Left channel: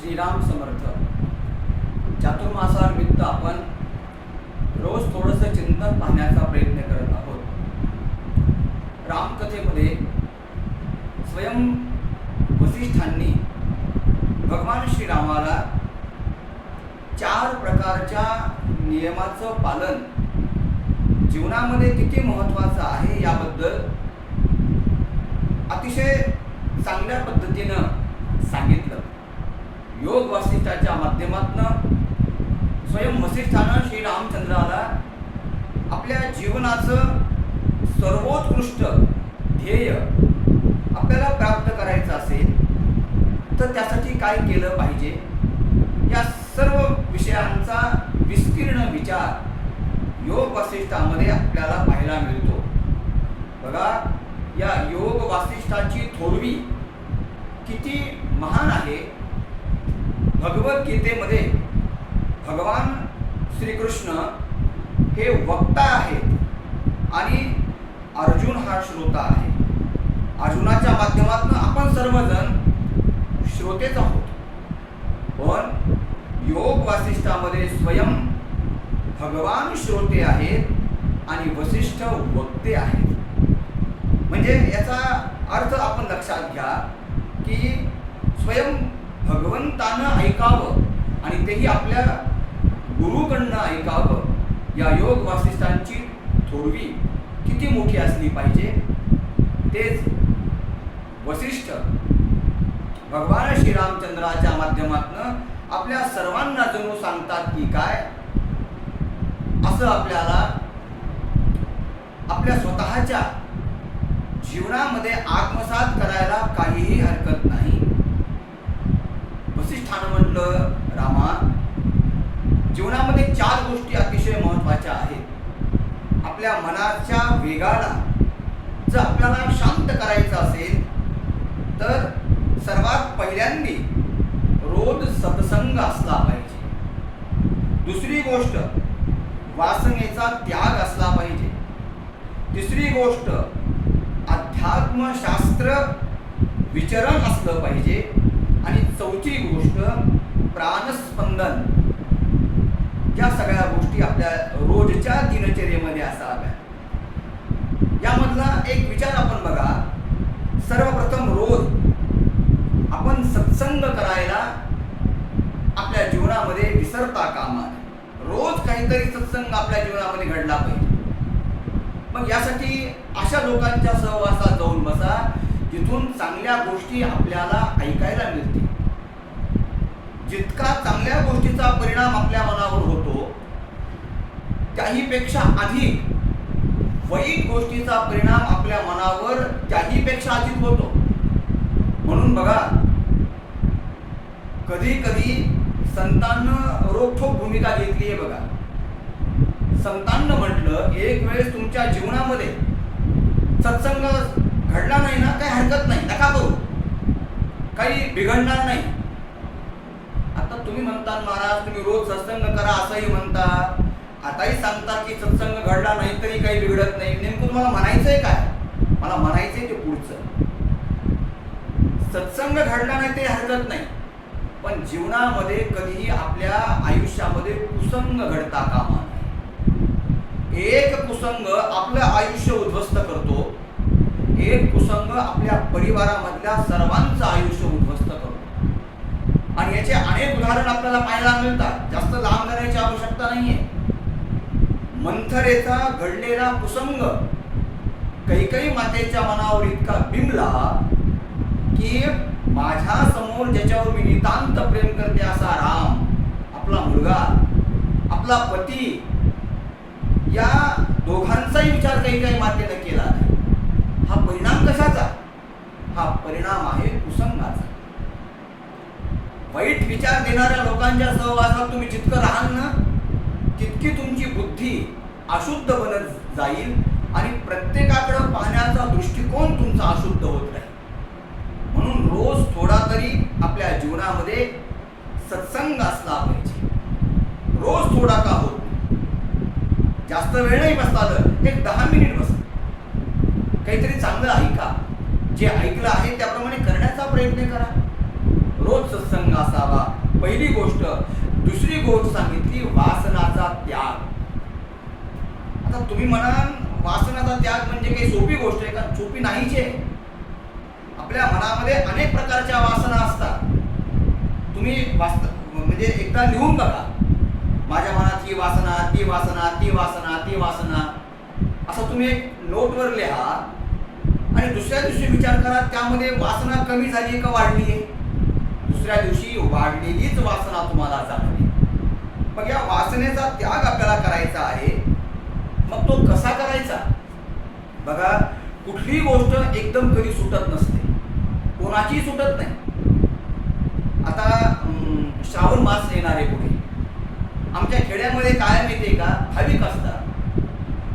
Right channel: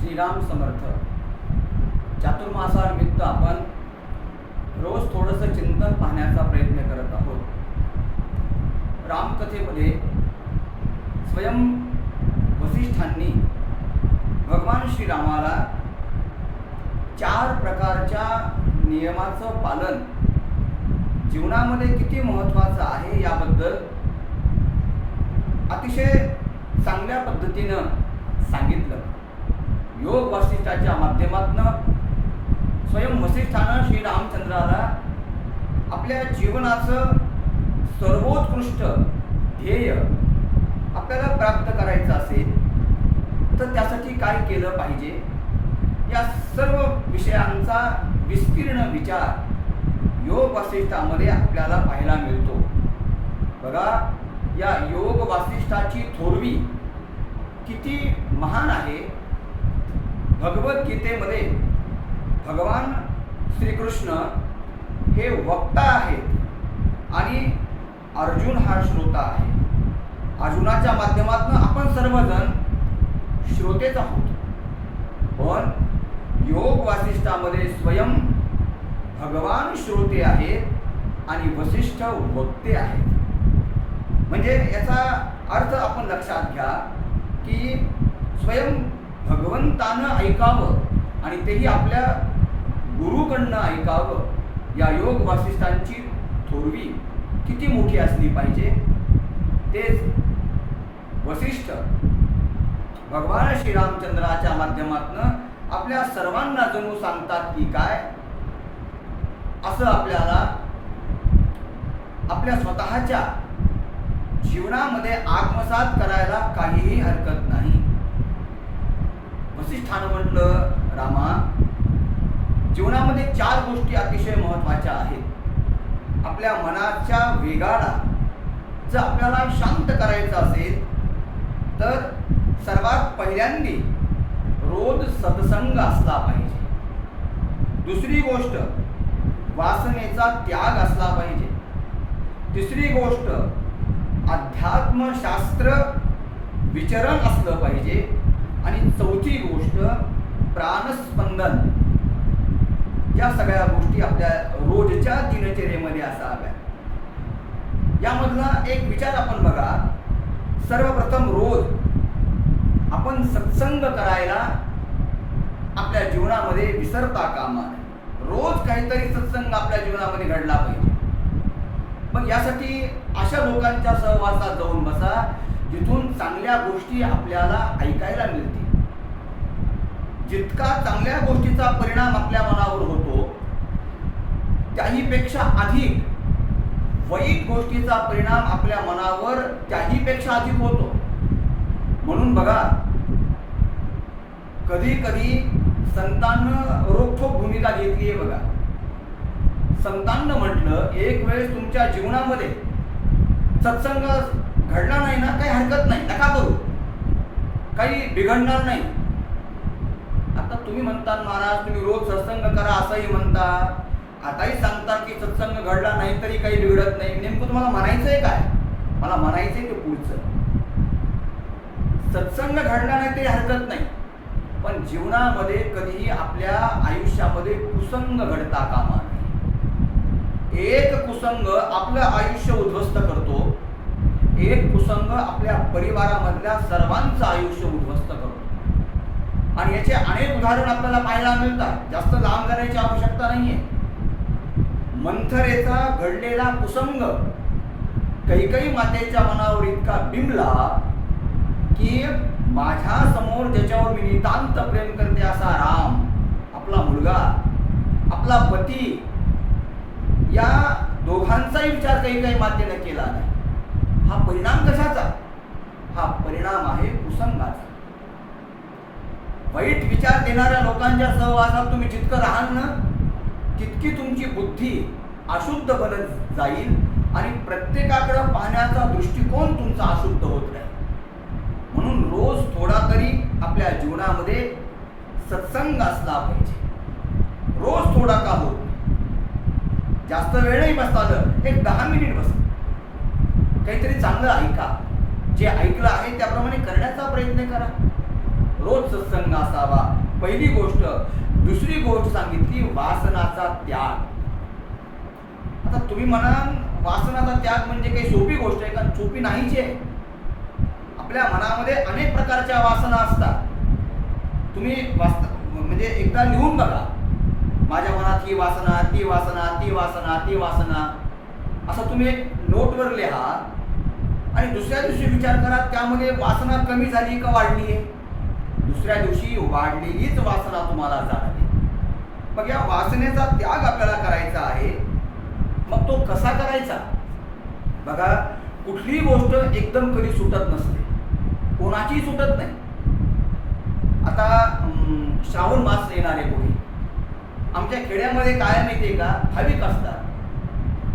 श्रीराम समर्थ. चातुर्मासानिमित्त आपण रोज थोडंसं चिंतन पाहण्याचा प्रयत्न करत आहोत. रामकथेमध्ये स्वयं वसिष्ठांनी भगवान श्रीरामाला चार प्रकारच्या नियमाचं पालन जीवनामध्ये किती महत्त्वाचं आहे याबद्दल अतिशय चांगल्या पद्धतीनं सांगितलं. योग वासिष्ठाच्या माध्यमातनं स्वयं वसिष्ठानं श्रीरामचंद्राला आपल्या जीवनाचं सर्वोत्कृष्ट ध्येय आपल्याला प्राप्त करायचं असेल तर त्यासाठी काय केलं पाहिजे? या सर्व विषयांचा विस्तीर्ण विचार योग वासिष्ठामध्ये आपल्याला पाहायला मिळतो. बघा या योग वासिष्ठाची थोरवी किती महान आहे. भगवद्गीतेमध्ये भगवान श्रीकृष्ण हे वक्ता आहेत आणि अर्जुन हा श्रोता आहे. अर्जुनाच्या माध्यमातून आपण सर्वजण श्रोतेच आहोत. पण योग वासिष्ठामध्ये स्वयं भगवान श्रोते आहेत आणि वसिष्ठ वक्ते आहेत. म्हणजे याचा अर्थ आपण लक्षात घ्या की स्वयं भगवंतानं ऐकावं आणि तेही आपल्या गुरुकडनं ऐकावं. या योग वासिष्ठांची थोरवी किती मोठी असली पाहिजे? तेच वसिष्ठ भगवान श्रीरामचंद्राच्या माध्यमातनं आपल्या सर्वांना जणू सांगतात की काय? असं आपल्याला आपल्या स्वतःच्या जीवनामध्ये आत्मसात करायला काहीही हरकत नाही. स्थान म्हटलं रामा. जीवनामध्ये चार गोष्टी अतिशय महत्त्वाच्या आहेत. आपल्या मनाच्या वेगाला जर आपल्याला शांत करायचं असेल तर सर्वात पहिल्यांदी रोज सत्संग असला पाहिजे. दुसरी गोष्ट वासनेचा त्याग असला पाहिजे. तिसरी गोष्ट अध्यात्मशास्त्र विचरण असलं पाहिजे. आणि प्राणस्पंदन. या सगळ्या गोष्टी आपल्या रोजच्या दिनचर्येमध्ये असाव्या यामधला एक विचार आपण बघा. सर्वप्रथम रोज आपण सत्संग करायला आपल्या जीवनामध्ये विसरता कामा नये. रोज काहीतरी सत्संग आपल्या जीवनामध्ये घडला पाहिजे. मग यासाठी अशा लोकांच्या सहवासात जाऊन बसा जिथून चांगल्या गोष्टी आपल्याला ऐकायला मिळतील. जितका चांगल्या गोष्टीचा परिणाम आपल्या मनावर होतो त्याहीपेक्षा अधिक वाईट गोष्टीचा परिणाम आपल्या मनावर त्याहीपेक्षा अधिक होतो. म्हणून बघा कधी कधी संतांनं रोखोक भूमिका घेतली आहे बघा. संतांना म्हटलं एक वेळेस तुमच्या जीवनामध्ये सत्संग घडला नाही ना काही हरकत नाही नका करू. काही बिघडणार नाही. आता तुम्ही म्हणता महाराज तुम्ही रोज सत्संग करा असंही म्हणता आताही सांगतात की सत्संग घडला नाही तरी काही बिघडत नाही. नेमकं तुम्हाला म्हणायचं आहे काय? मला म्हणायचंय ते पुढचं. सत्संग घडला नाही ते हरकत नाही. पण जीवनामध्ये कधीही आपल्या आयुष्यामध्ये कुसंग घडता कामा नये. एक कुसंग आपलं आयुष्य उद्ध्वस्त करतो. एक कुसंग आपल्या परिवारामधल्या सर्वांचं आयुष्य उद्ध्वस्त करतो. आणि याचे अनेक उदाहरण आपल्याला पाहायला मिळतात. जास्त लांब करायची आवश्यकता नाहीये. मंथरेचा घडलेला कुसंग कैकई मातेच्या मनावर इतका बिंबला की माझ्यासमोर ज्याच्यावर मी नितांत प्रेम करते असा राम आपला मुलगा आपला पती या दोघांचाही विचार काही काही मातेनं केला नाही. हा परिणाम कशाचा? हा परिणाम आहे कुसंगाचा. वाईट विचार देणाऱ्या लोकांच्या सहवासात तुम्ही जितकं राहाल ना तितकी तुमची बुद्धी अशुद्ध बनत जाईल आणि प्रत्येकाकडं पाहण्याचा दृष्टिकोन तुमचा अशुद्ध होत राहील. म्हणून रोज थोडा तरी आपल्या जीवनामध्ये सत्संग असला पाहिजे. रोज थोडा का होत जास्त वेळ नाही बसता आलं एक दहा मिनिट बसा. काहीतरी चांगलं ऐका. जे ऐकलं आहे त्याप्रमाणे करण्याचा प्रयत्न करा. रोज सत्संग असावा. पहिली गोष्ट दुसरी गोष्ट सांगितली वासनाचा त्याग. आता तुम्ही म्हणाल वासनाचा त्याग म्हणजे काही सोपी गोष्ट आहे का? सोपी नाहीच आहे. आपल्या मनामध्ये अनेक प्रकारच्या वासना असतात. तुम्ही वास्त म्हणजे एकदा लिहून बघा. माझ्या मनात ही वासना ती वासना ती वासना ती वासना. असं तुम्ही एक नोटवर लिहा. आणि दुसऱ्या दिवशी विचार करा त्यामध्ये वासना कमी झाली का वाढली आहे? दुसऱ्या दिवशी वाढलेलीच वासना तुम्हाला जाणवी मग या वासनेचा त्याग आपल्याला करायचा आहे. मग तो कसा करायचा? बघा कुठलीही गोष्ट एकदम कधी सुटत नसते. कोणाचीही सुटत नाही. आता श्रावण मास येणार आहे पुढे. आमच्या खेड्यामध्ये काय माहितीये का? भाविक असतात.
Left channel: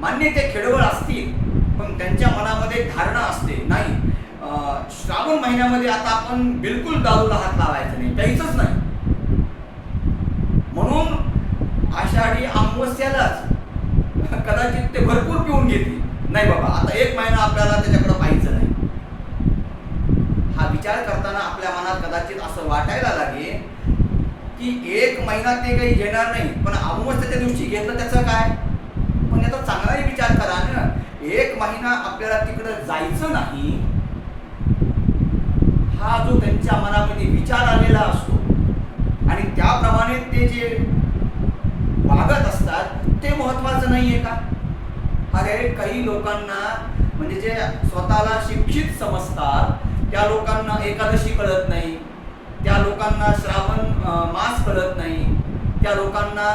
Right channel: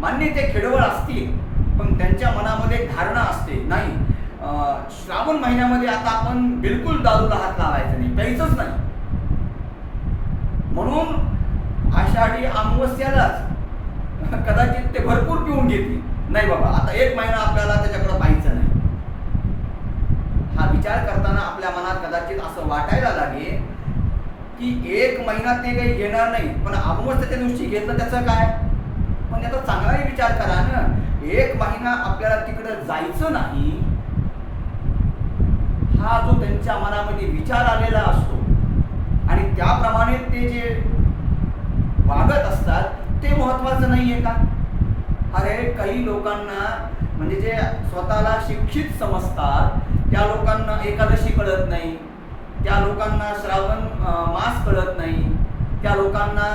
मान्य ते खेडवळ असतील पण त्यांच्या मनामध्ये धारणा असते. नाही श्रावण महिन्यामध्ये आता आपण बिलकुल दारूला हात लावायचा नाही. प्यायचंच नाही. म्हणून आषाढी अमावस्यालाच कदाचित ते भरपूर पिऊन घेतील. नाही बाबा आता एक महिना आपल्याला त्याच्याकडे पाहायचं नाही. हा विचार करताना आपल्या मनात कदाचित असं वाटायला लागेल की एक महिना ते काही घेणार नाही. पण अमावस्याच्या दिवशी घेतलं त्याचं काय? पण याचा चांगलाही विचार करा ना. एक महिना आपल्याला तिकडं जायचं नाही. हा जो त्यांच्या मनामध्ये विचार आलेला असतो आणि त्याप्रमाणे ते जे वागत असतात ते महत्वाचं आहे का? अरे काही लोकांना म्हणजे जे स्वतःला शिक्षित समजतात त्या लोकांना एकादशी कळत नाही त्या लोकांना श्रावण मास कळत नाही त्या लोकांना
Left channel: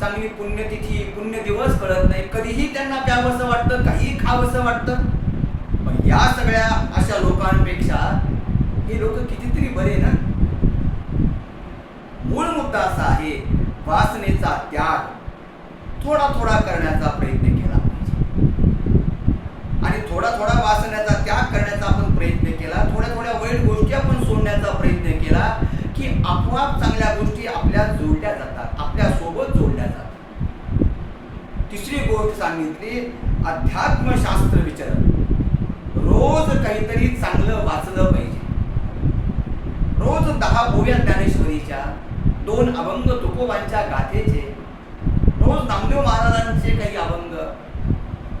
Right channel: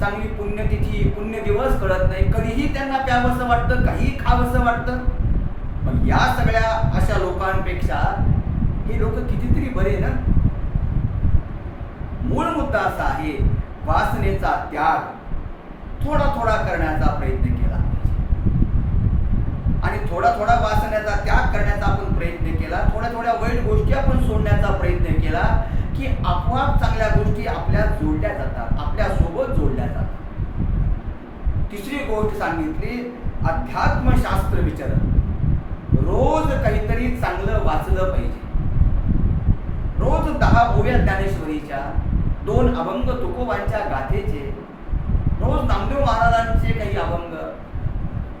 चांगली पुण्यतिथी पुण्य दिवस कळत नाही कधीही त्यांना प्यावंसं वाटतं काही खावंसं वाटतं. पण या सगळ्या अशा लोकांपेक्षा हे लोक कितीतरी बरे ना? मूळ मुद्दा असा आहे वासनेचा त्याग थोडा थोडा करण्याचा प्रयत्न केला पाहिजे. आणि थोडा थोडा वासण्याचा त्याग करण्याचा आपण प्रयत्न केला थोड्या थोड्या वाईट गोष्टी आपण सोडण्याचा प्रयत्न केला की आपोआप चांगल्या गोष्टी आपल्या जोडल्या जातात आपल्यासोबत जोडल्या जातात. तिसरी गोष्ट सांगितली अध्यात्मशास्त्र विचार. रोज काहीतरी चांगलं वाचलं पाहिजे. रोज दहा ओव्या ज्ञानेश्वरीच्या दोन अभंग तुकोबांच्या गाथेचे रोज नामदेव महाराजांचे काही अभंग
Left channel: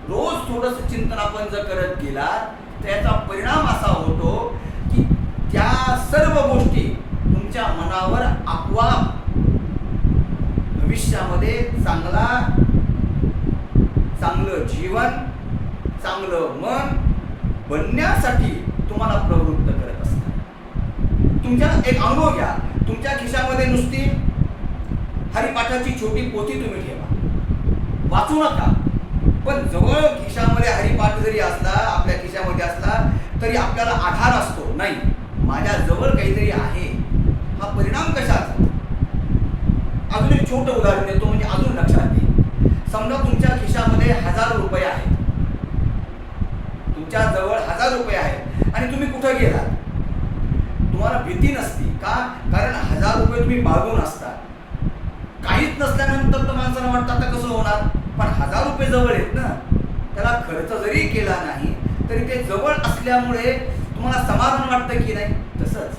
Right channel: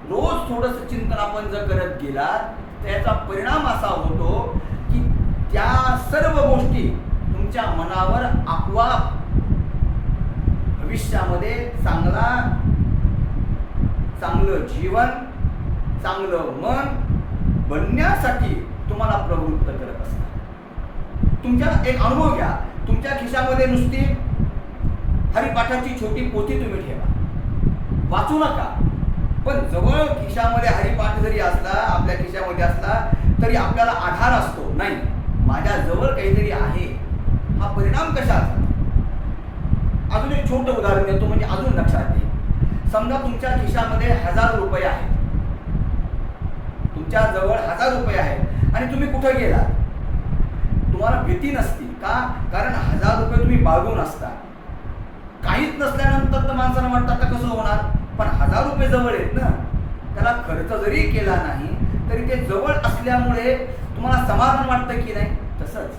रोज थोडस चिंतन आपण जर करत गेला त्याचा परिणाम असा होतो की त्या सर्व गोष्टी तुमच्या मनावर आपोआप भविष्यामध्ये चांगला चांगलं जीवन चांगलं मन बनण्यासाठी तुम्हाला प्रवृत्त करत असतात. तुमच्या एक अनुभव घ्या. तुमच्या खिशामध्ये नुसती हरिपाठाची छोटी पोथी तुम्ही ठेवा. वाचू नका. पण जवळ खिशामध्ये हरिपाठ जरी असला आपल्या खिशामध्ये असला तरी आपल्याला आधार असतो. नाही माझ्या जवळ काहीतरी आहे. हा परिणाम कशाचा? अजून एक छोटं उदाहरण देतो म्हणजे अजून लक्षात येईल समजा तुमच्या खिशामध्ये हजार रुपये आहेत. तुमच्या जवळ हजार रुपये आहेत. आणि तुम्ही कुठं गेलात? तुम्हाला भीती नसती. का? कारण हजार रुपये तुम्ही बाळगून असता. काहीच नसल्यानंतर तर माणसाला वाटतं आता कसं होणार? पण हजार रुपये जवळ आहेत ना. त्याला खर्च जरी केला नाही तरी ते जवळ असल्यामुळे तुम्हाला समाधान वाटतं की नाही? तसंच.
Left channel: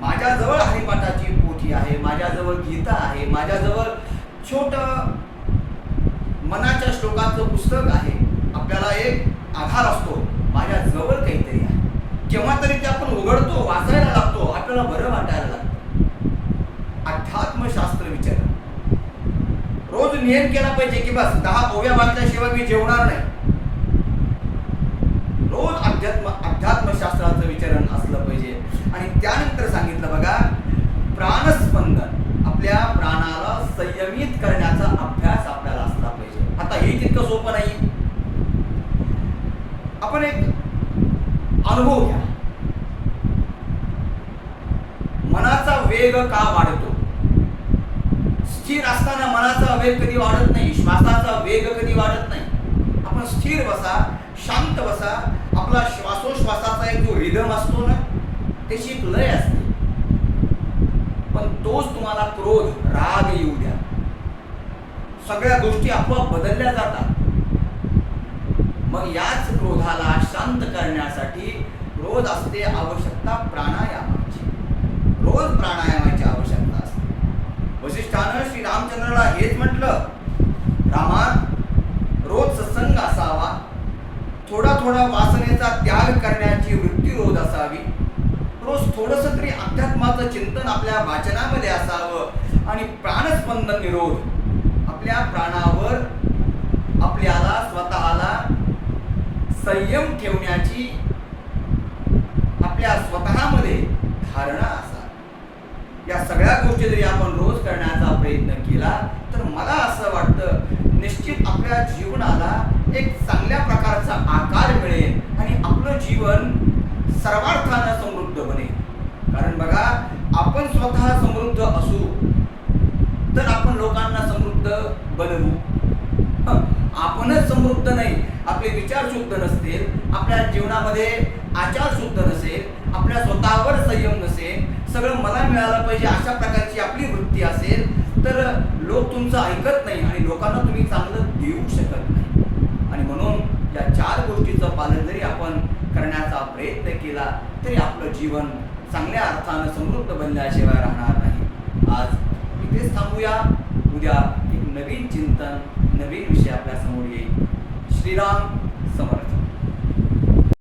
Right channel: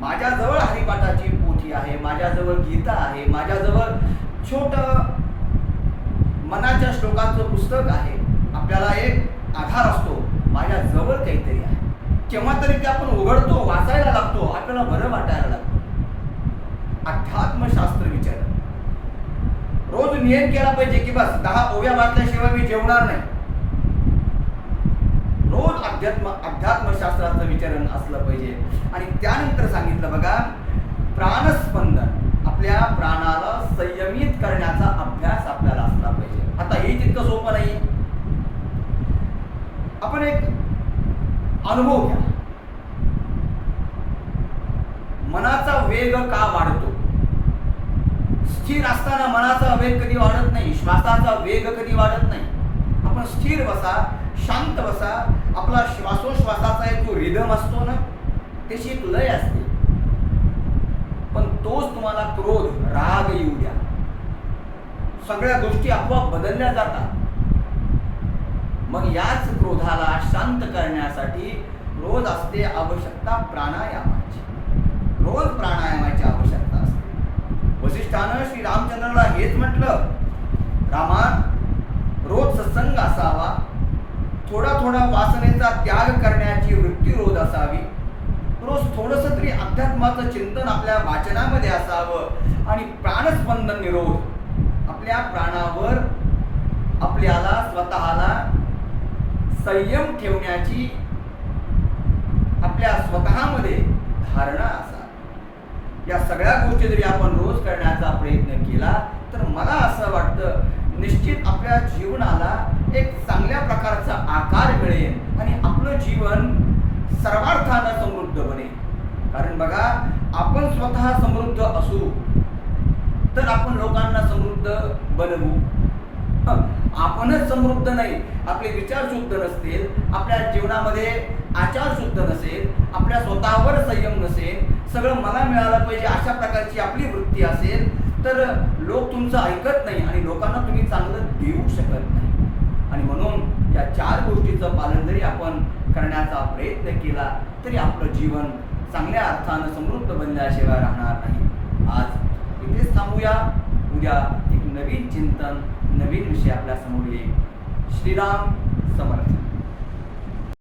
माझ्याजवळ हरिपाठाची पोथी आहे माझ्याजवळ गीता आहे माझ्याजवळ छोट मनाच्या श्लोकांचं पुस्तक आहे. आपल्याला एक आधार असतो. माझ्या केव्हा तरी ते आपण उघडतो वाचायला लागतो आपल्याला बरं वाटायला लागतं. अध्यात्मशास्त्र विचार. रोज नियम केला पाहिजे की बस दहा ओव्या वाचल्याशिवाय मी जेवणार नाही. रोज अध्यात्म अध्यात्मशास्त्राचं विचारण असलं पाहिजे. आणि त्यानंतर सांगितलं बघा प्राणस्पंदन आपल्या प्राणाला संयमित करण्याचा अभ्यास आपल्याला असला पाहिजे. आता हे तितकं सोपं नाही. आपण एक अनुभव घ्या. मनाचा वेग का वाढतो? स्थिर असताना मनाचा वेग कधी वाढत नाही श्वासाचा वेग कधी वाढत नाही. आपण स्थिर बसा शांत बसा आपला श्वासोश्वासाचा एक जो रिदम असतो ना त्याची एक लय असते. पण तोच तुम्हाला क्रोध राग येऊ द्या. सगळ्या गोष्टी आपोआप बदलल्या जातात. मग याच क्रोधाला शांत करण्यासाठी रोज असते आवश्यकता प्राणायामाची. रोज प्राणायामाची आवश्यकता असते. वशिष्ठानं श्री रामचंद्राला हेच म्हटलं रामा रोज सत्संग असावा. थोडा थोडा वासनेचा त्याग करण्याची वृत्ती रोज असावी. रोज थोडस तरी अध्यात्माचं चिंतन आपल्या वाचनामध्ये असावं आणि प्राणस्पंदन निरोध. आपल्या प्राणावर आपल्याला संयम ठेवण्याची आपल्या स्वतःमध्ये धारणा असा. या सगळ्या गोष्टी जरी आपण रोज करण्याचा प्रयत्न केला तर मला असं वाटतं निश्चित आपल्या जीवनाला एक चांगल्या प्रकारचा आकार मिळेल आणि आपलं जीवन सर्वार्थानं समृद्ध बनेल. कारण बघा आपण स्वतः समृद्ध असू तर आपण लोकांना समृद्ध बनवू. आपणच समृद्ध नाही आपले विचार शुद्ध नसतील आपल्या जीवनामध्ये आचार शुद्ध नसेल आपल्या स्वतःवर संयम नसेल सगळं मला मिळालं पाहिजे अशा प्रकारची आपली वृत्ती असेल तर लोक तुमचं ऐकत नाही आणि लोकांना तुम्ही चांगलं देऊ शकत नाही. आणि म्हणून या चार गोष्टीचं पालन जरी आपण करण्याचा प्रयत्न केला तरी आपलं जीवन चांगल्या अर्थानं समृद्ध बनल्याशिवाय राहणार नाही. आज इथेच थांबूया. उद्या एक नवीन चिंतन नवीन विषय आपल्यासमोर येईल. श्रीराम समर्थ.